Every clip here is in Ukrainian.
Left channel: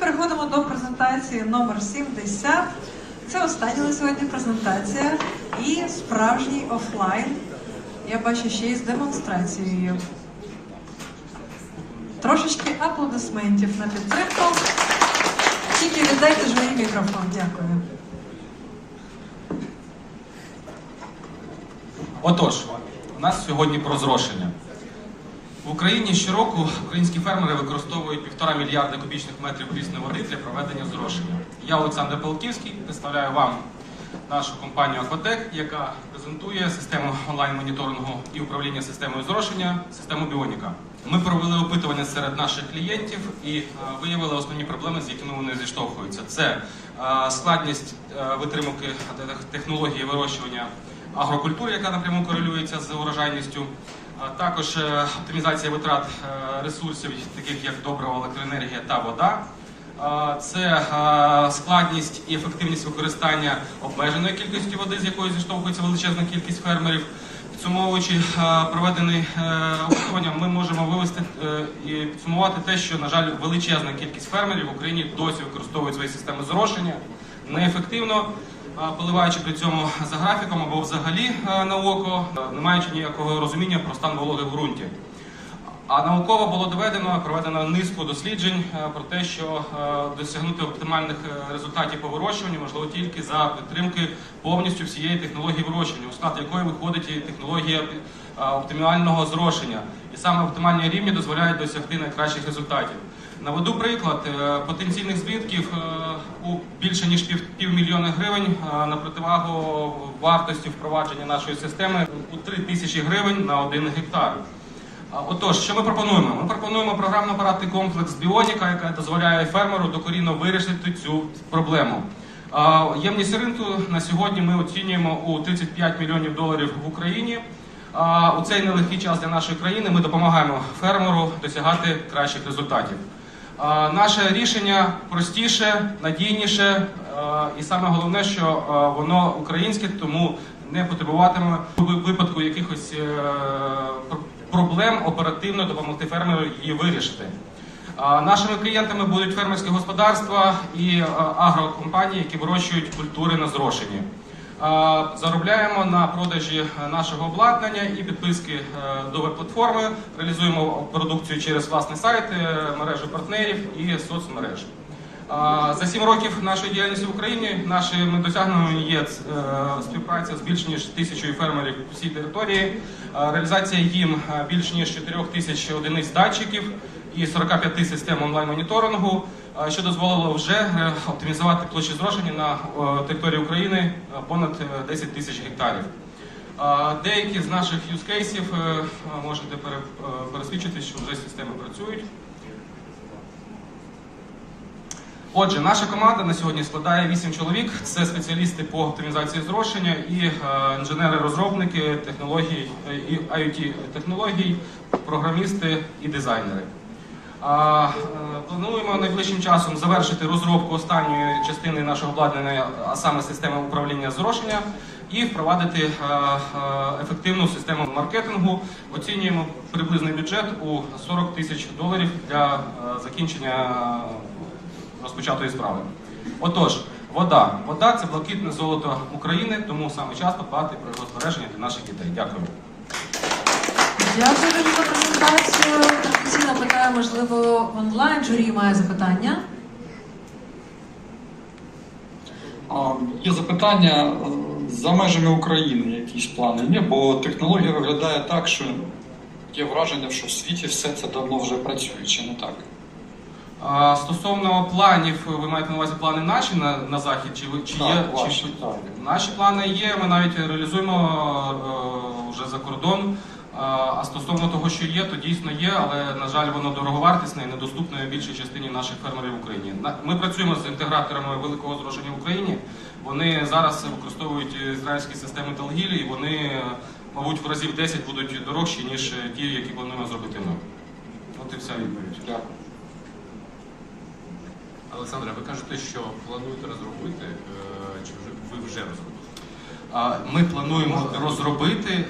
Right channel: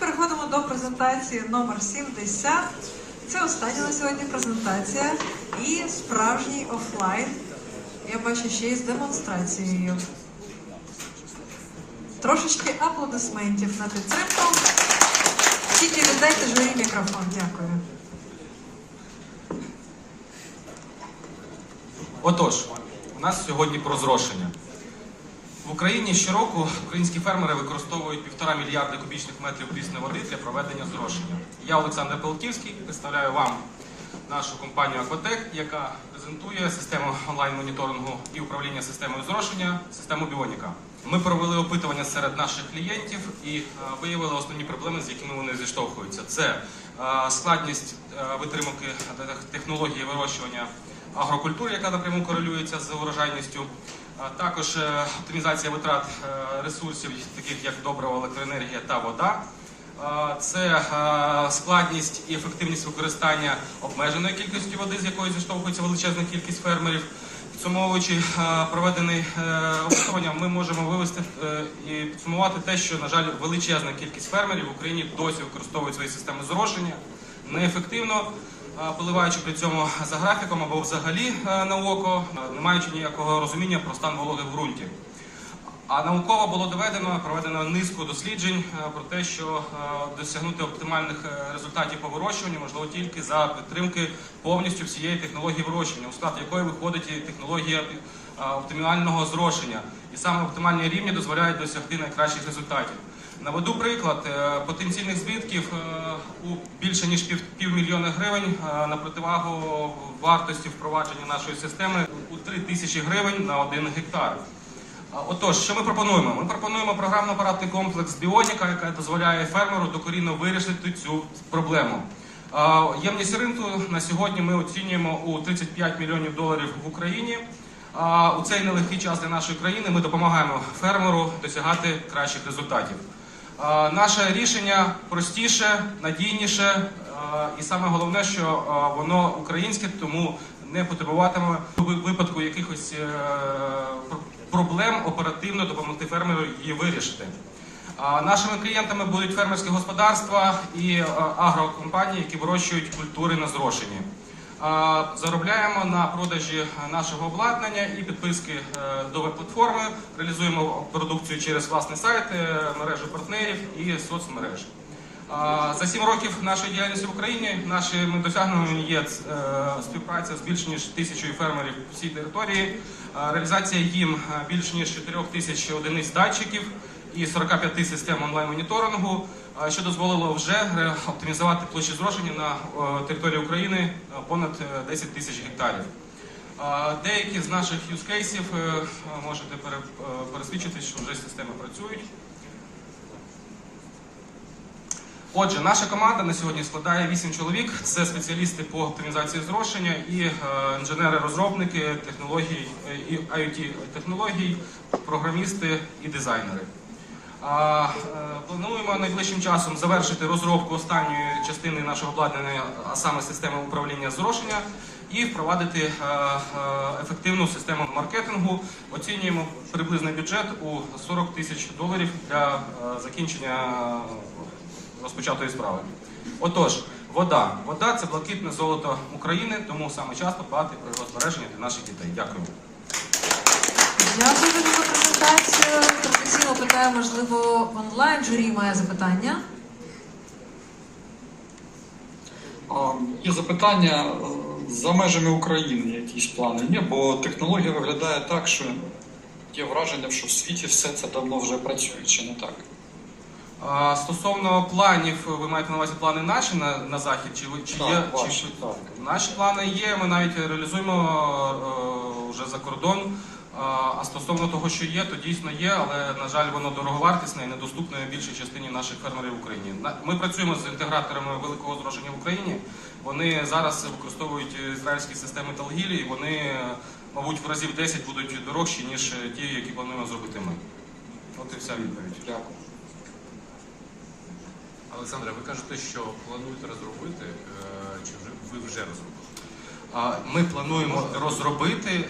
переходимо до презентації номер 70. Це остання на сьогодні презентація і справжній офлайн. Я бачу ще й з демонстрацією. Трошечки аплодисментів на підтримку. Тільки віддайте живий мікрофон. Дякую. Отож, у нас сьогодні про зрошення. Україні щороку українські фермери використовують півтора мільярди кубічних метрів прісної води для проведення зрошення. Я Олександр Палківський представляю вам нашу компанію Акватек, яка презентує систему онлайн-моніторингу і управління системою зрошення, систему Біоніка. Ми провели опитування серед наших клієнтів і е, виявили основні проблеми, з якими вони зіштовхуються. Це е, складність е, витримки технології вирощування агрокультури, яка напряму корелюється з урожайністю. Також е, оптимізація витрат е, ресурсів, таких як добрива, електроенергія та вода. Це е, складність і ефективність використання обмеженої кількості води, з якою зіштовхується величезна кількість фермерів. Підсумовуючи е, проведений е, опитування, ми можемо вивести і підсумувати те, що, на жаль, величезна кількість фермерів в Україні досі використовують свої системи зрошення неефективно, поливаючи при цьому за графіком або взагалі е, на око, е, не маючи ніякого розуміння про стан вологи в ґрунті. А науково було доведено, проведено низку досліджень е, про те, що досягнути оптимальних результатів по вирощуванню можливо тільки за підтримки повністю всієї технології вирощування, у склад якої виходить і технологія оптимального зрошення. І саме оптимальні рівні дозволяють досягти найкращих результатів. Наведу приклад потенційних збитків більше ніж пів, півмільйона гривень е, на противагу вартості впровадження нашої системи у 3 тисячі гривень на один гектар. Отож, що ми пропонуємо? Ми пропонуємо програмно-апаратний комплекс Біоніка, яка дозволяє фермеру докорінно вирішити цю проблему. Ємність ринку на сьогодні ми оцінюємо у 35 мільйонів доларів в Україні. У цей нелегкий час для нашої країни ми допомагаємо фермеру досягати кращих результатів. Наше рішення простіше, надійніше і саме головне, що воно українське, тому не потребуватиме у випадку якихось е, проблем оперативно допомогти фермеру її вирішити. Нашими клієнтами будуть фермерські господарства і е, агрокомпанії, які вирощують культури на зрошенні. Заробляємо на продажі нашого обладнання і підписки е, до веб-платформи. Реалізуємо продукцію через власний сайт, е, мережі партнерів і соцмереж. А, За сім років нашої діяльності в Україні нашими досягненнями є е, співпраця з більш ніж тисячою фермерів по всій території, реалізація їм більш ніж 4 тисяч одиниць датчиків і 45 систем онлайн-моніторингу, що дозволило вже е, оптимізувати площі зрошення на е, території України е, понад е, 10 тисяч гектарів. Деякі з наших юзкейсів можете пере- пересвідчити, що вже системи працюють. Отже, наша команда на сьогодні складає 8 чоловік. Це спеціалісти по оптимізації зрошення і інженери-розробники технологій IoT технологій, програмісти і дизайнери. Е, плануємо найближчим часом завершити розробку останньої частини нашого обладнання, а саме системи управління зрошення, і впровадити е, е, ефективну систему маркетингу. Оцінюємо приблизний бюджет у 40 тисяч доларів для закінчення розпочатої справи. Отож, вода. Вода це блакитне золото України, тому саме час подбати про його збереження для наших дітей. Дякую. Дякую за презентацію. Онлайн журі має запитання. Є запитання е, за межами України, якісь плани є, бо технологія виглядає так, що є враження, що в світі все це давно вже працює, чи не так? А, Стосовно планів, ви маєте на увазі плани наші на, на захід? Чи, ви- чи Так, є ваші, чи, так. наші плани є? Ми навіть реалізуємо е, вже за кордон. А стосовно того, що є, то дійсно є, але на жаль, воно дороговартісне і недоступне більшій частині наших фермерів в Україні. Ми працюємо з інтеграторами великого зрошення в Україні. Вони зараз використовують ізраїльські системи Талгілі, і вони, е, мабуть, в разів 10 будуть дорожчі, ніж ті, які плануємо зробити ми. От і вся відповідь. Дякую. Олександре, ви кажете, що плануєте розробити, е, чи вже ви вже розробили? Ми плануємо розробити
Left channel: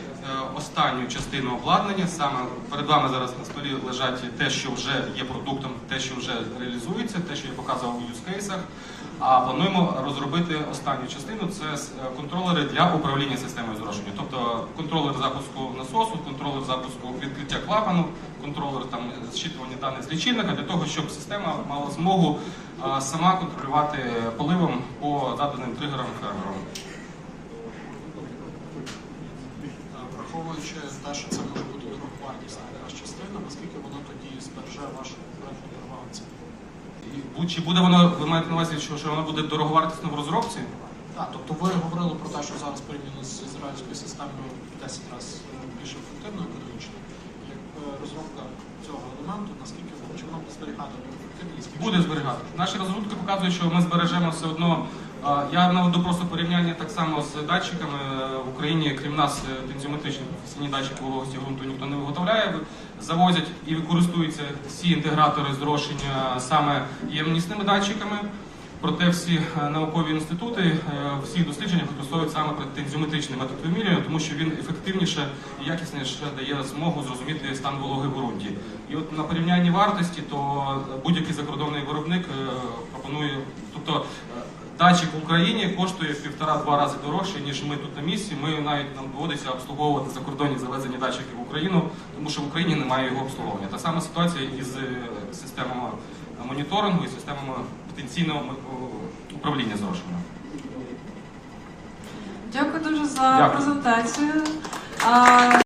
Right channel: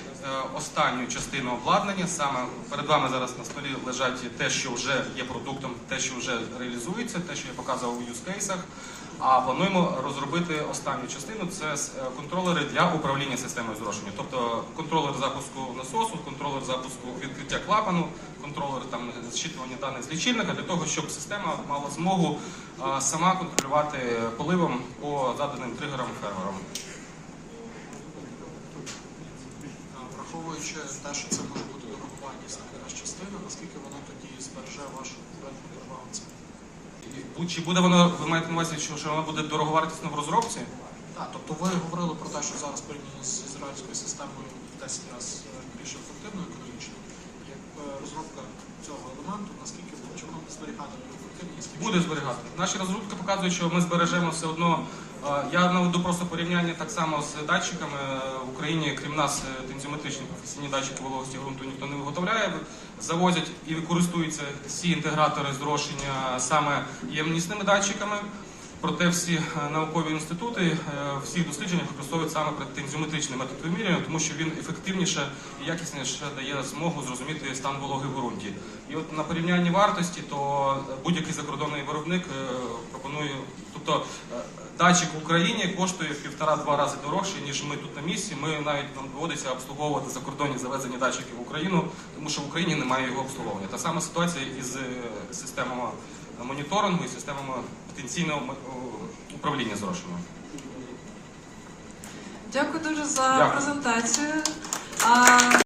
останню частину обладнання. Саме перед вами зараз на столі лежать те, що вже є продуктом, те, що вже реалізується, те, що я показував у юзкейсах. А плануємо розробити останню частину це е, контролери для управління системою зрошення. Тобто контролер запуску насосу, контролер запуску відкриття клапану, контролер там зчитування даних з лічильника для того, щоб система мала змогу е, сама контролювати поливом по заданим тригерам фермерам. А, Враховуючи те, що це може бути дороговартісна якась частина, наскільки воно тоді збереже вашу конкурентну перевагу Чи буде воно, ви маєте на увазі, що, воно буде дороговартісно в розробці? Так, тобто ви говорили про те, що зараз порівняно з ізраїльською системою в 10 разів більш ефективно економічно. Як е, розробка цього елементу, наскільки чи воно буде зберігати ефективність? Буде зберігати. Наші розробки показують, що ми збережемо все одно. Я наведу просто порівняння так само з датчиками. В Україні, крім нас, е, тензіометричні професійні датчики вологості ґрунту ніхто не виготовляє. Завозять і користуються всі інтегратори зрошення саме ємнісними датчиками. Проте всі е, наукові інститути е, всі дослідження використовують саме тензіометричний метод вимірювання, тому що він ефективніше і якісніше дає змогу зрозуміти стан вологи в ґрунті. І от на порівнянні вартості, то будь-який закордонний виробник е, пропонує, тобто е, датчик в Україні коштує в півтора-два рази дорожче, ніж ми тут на місці. Ми навіть нам доводиться обслуговувати закордонні завезені датчики в Україну, тому що в Україні немає його обслуговування. Та сама ситуація із е, системами моніторингу і системами потенційного е, управління зрошенням. Дякую дуже за Дякую. презентацію.